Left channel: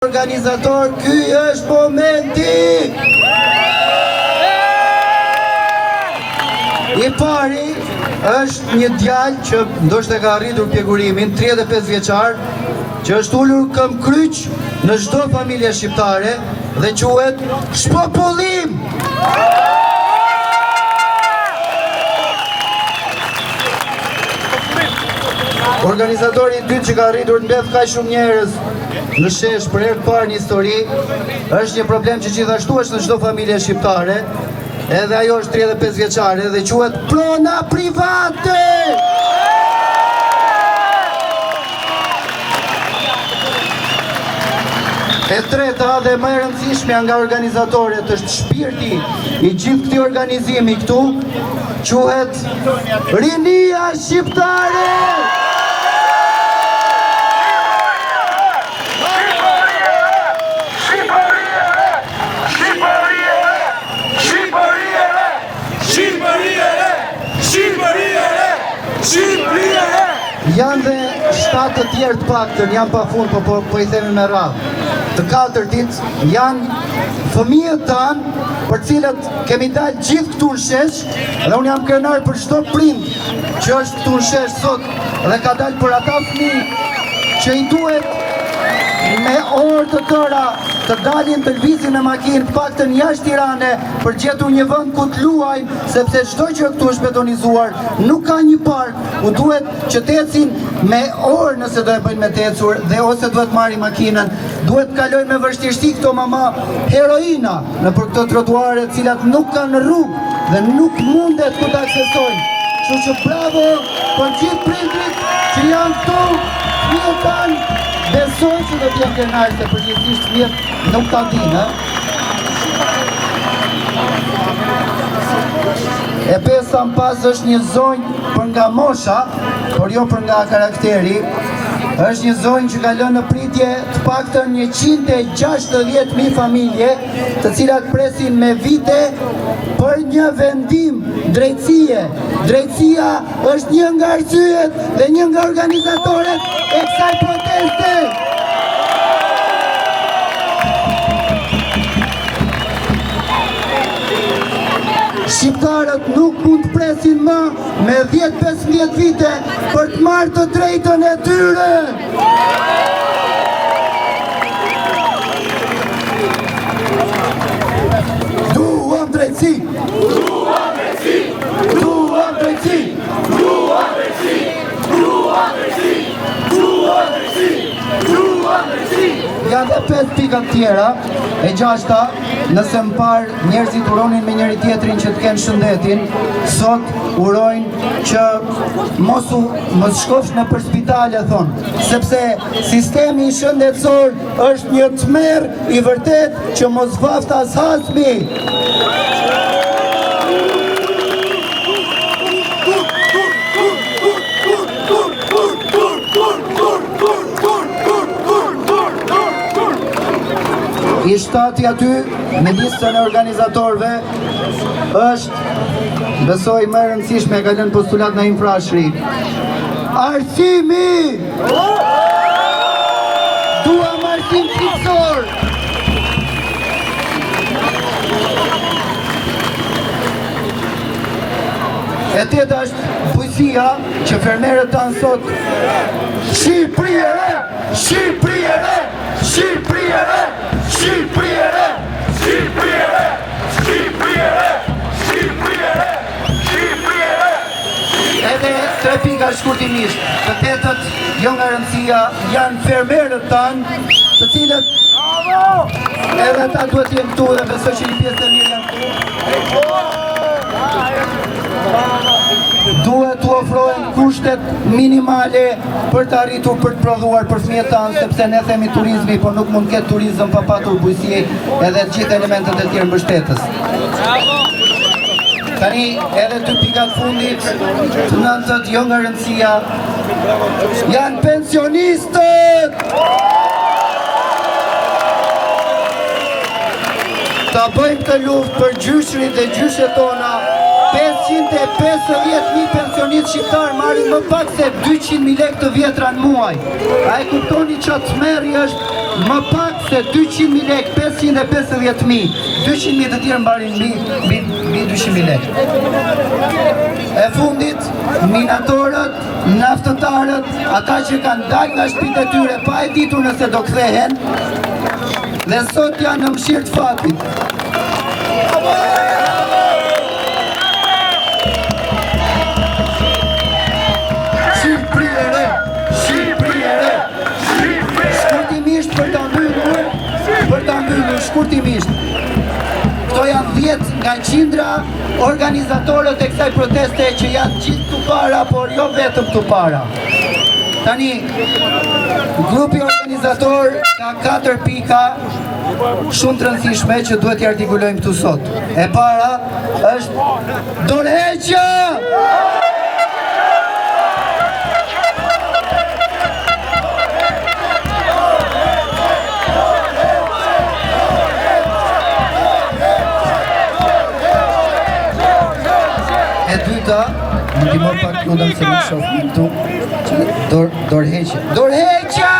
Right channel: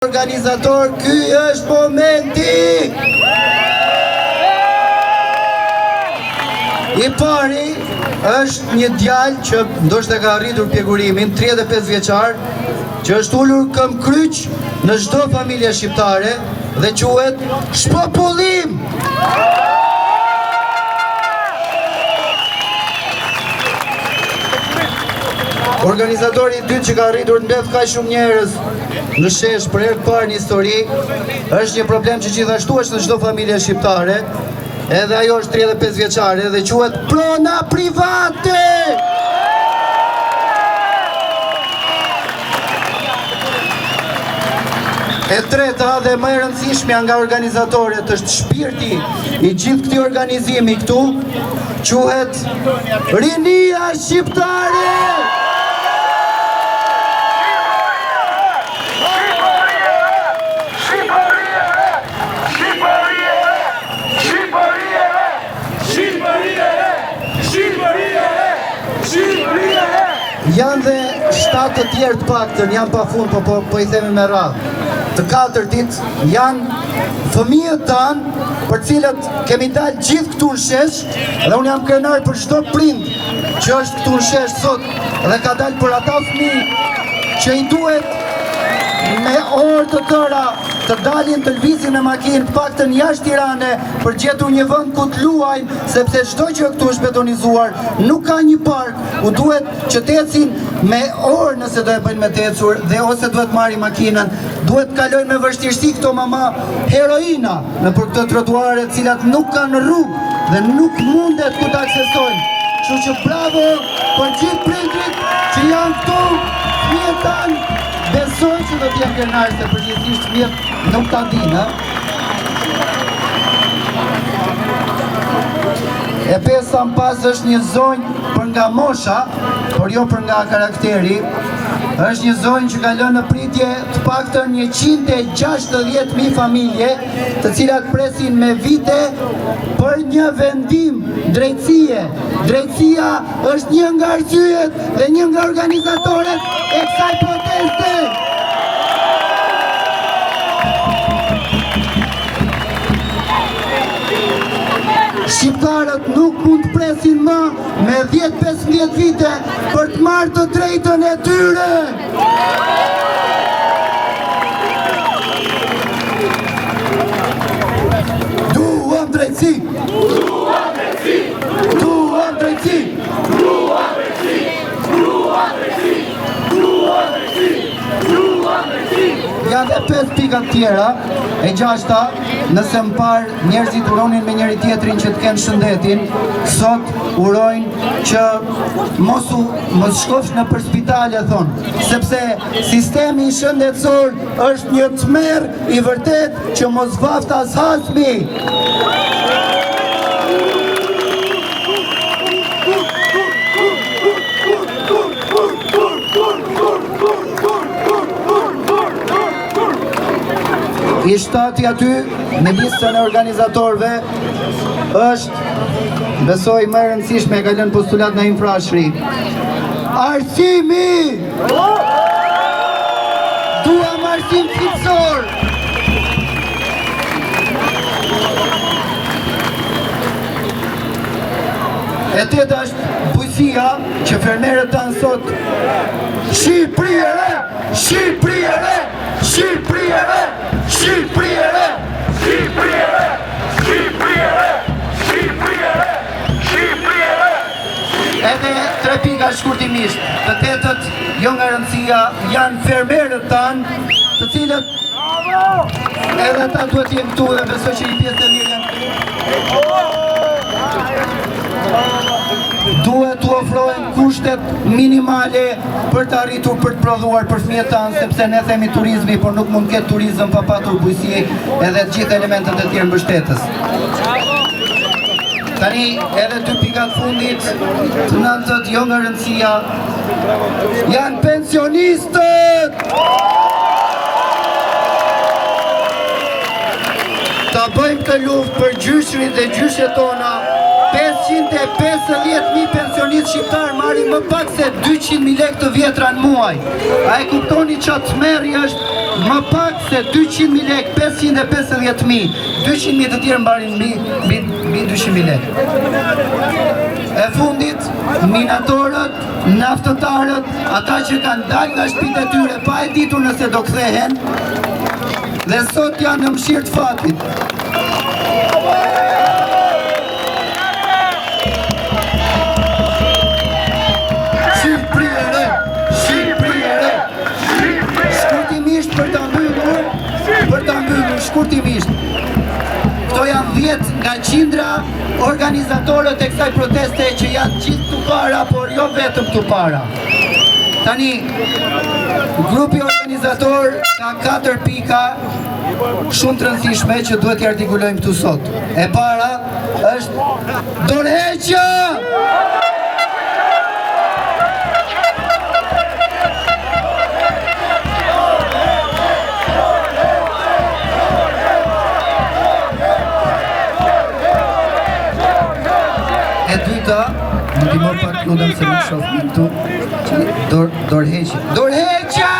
Organizator, ky është momenti! I pari është një djalë që ndoshta ka arritur pjekurimin, 35 vjeçar, që është ulur këm kryq në çdo familje shqiptare dhe quhet Shpopullim! Organizatori i dytë që ka arritur të mbledh kaq shumë njerëz në shesh për herë të parë në histori, është një problem që gjithashtu është në çdo familje shqiptare, edhe ajo është 35 vjeçare dhe quhet prona private. E treta dhe më e rëndësishmja nga organizatorët është shpirti i gjithë këtij organizimi këtu, quhet Rinia Shqiptare. Janë dhe 7 të tjerë të paktën, janë pa fund, po i themi me radhë. Të 4 ditë janë fëmijët tanë për cilët kemi dalë gjithë këtu në shesh, dhe unë jam krenar për çdo prind që është këtu në shesh sot dhe ka dalë për ata fëmijë që i duhet me orë të tëra të dalin të lvizin me makinë të paktën jashtë Tirane për gjetur një vend ku të luajnë, sepse çdo gjë këtu është betonizuar, nuk ka një park, u duhet që të ecin me orë nëse do e bëjnë me të ecur dhe ose duhet marrin makinën, duhet të kalojnë me vështirësi këto mama heroina nëpër këto trotuare të cilat nuk kanë rrugë dhe nuk mundet ku të aksesojnë. Kështu që bravo për gjithë prindrit që janë këtu, fëmijët tanë. Besoj që do t'jem krenarë se përgjithsisht fëmijët nuk ta dinë. E pesa më pas është një zonjë për nga mosha, por jo për nga karakteri. Është një zonjë që ka lënë në pritje të paktën 160.000 familje, të cilat presin me vite për një vendim drejtësie. Drejtësia është një nga arsyet dhe një nga organizatorët e kësaj proteste. Shqiptarët nuk mund të presin më me 10-15 vite për të marrë të drejtën e tyre. Duam drejtësi! Duam drejtësi! Duam drejtësi! Duam drejtësi! Duam drejtësi! Duam drejtësi! Duam drejtësi! Janë dhe 5 pika tjera, e 6-ta, nëse më parë njerëzit uronin me njëri tjetrin që të kenë shëndetin, sot urojnë që mos shkosh në për spitale, thonë, sepse sistemi shëndetësor është një tmerr i vërtet që mos vaft as hasmi. I shtati aty, në listën e organizatorëve, është, besoj më e rëndësishme, e ka lënë postulat në infrashri. Arsimi! Duam arsim fitësor! E teta është bujësia që fermerët tanë sot Shqipëriere! Shqipëriere! Shqipëriere! Shqipëriere! Shqipëriere! Shqipëriere! Shqipëriere! Shqipëriere! Edhe 3 pika shkurtimisht. Të tetët, jo nga rëndësia, janë fermerët tanë, të cilët edhe ta duhet jenë këtu dhe besoj që i pjesë e një janë këtu. Duhet të ofrojnë kushtet minimale për të arritur për të prodhuar për fëmijët tanë, sepse ne themi turizmi, por nuk mund ketë turizëm pa patur bujësi edhe të gjithë elementet e tjerë mbështetës. Tani edhe 2 pikat fundit, të 9-tët, jo nga rëndësia, janë pensionistët! Ta bëjmë të luftë për gjyshrit dhe gjyshet tona, 550.000 pensionistë shqiptarë marrin më pak se 200.000 lekë të vjetra në muaj. A e kuptoni çfarë tmerri është më pak se 200.000 lek, 550.000, 200.000 të tjerë mbarin mbi 200.000 lek. E fundit, minatorët, naftëtarët, ata që kanë dalë nga shtëpitë e tyre pa e ditur nëse do kthehen, dhe sot janë në mëshirë të fatit. Shkurtimisht për të mbyllur, shkurtimisht. Këto janë 10 nga qindra organizatorët e kësaj proteste që janë gjithë këtu para, por jo vetëm këtu para. Tani, grupi organizator ka 4 pika shumë të rëndësishme që duhet t'i artikulojmë këtu sot. E para është dorëheqja! E dyta, në timor pak kludën se në shofim këtu, dorëheqja. Dorëheqja!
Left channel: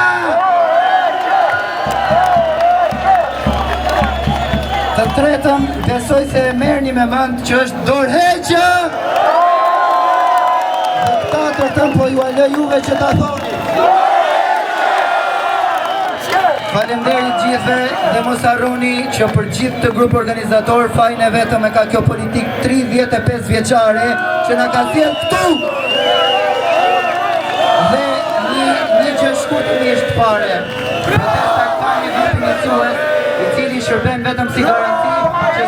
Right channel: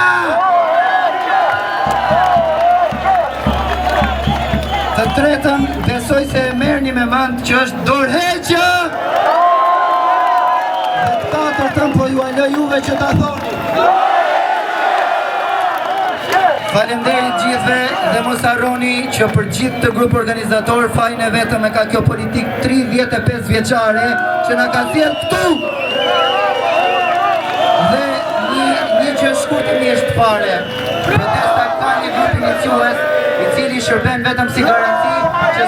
Të tretën, besoj se e merrni me mend që është dorëheqja! Dhe këta të tërë po ju alë juve që ta thoni. Faleminderit gjithve dhe mos harroni që për gjithë të grup organizator fajin e vetëm e ka kjo politik 35 vjeçare që na ka thirrë këtu. Dhe një që shkurtimisht fare, protesta ka një grup iniciues i cili shërben vetëm si garanci që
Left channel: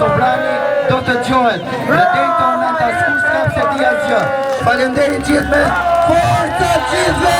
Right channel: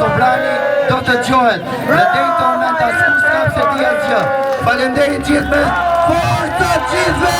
Sovrani do të dëgjohet. Dhe deri këtë moment askush s'ka pse të asgjë. Faleminderit gjithve, forca gjithve!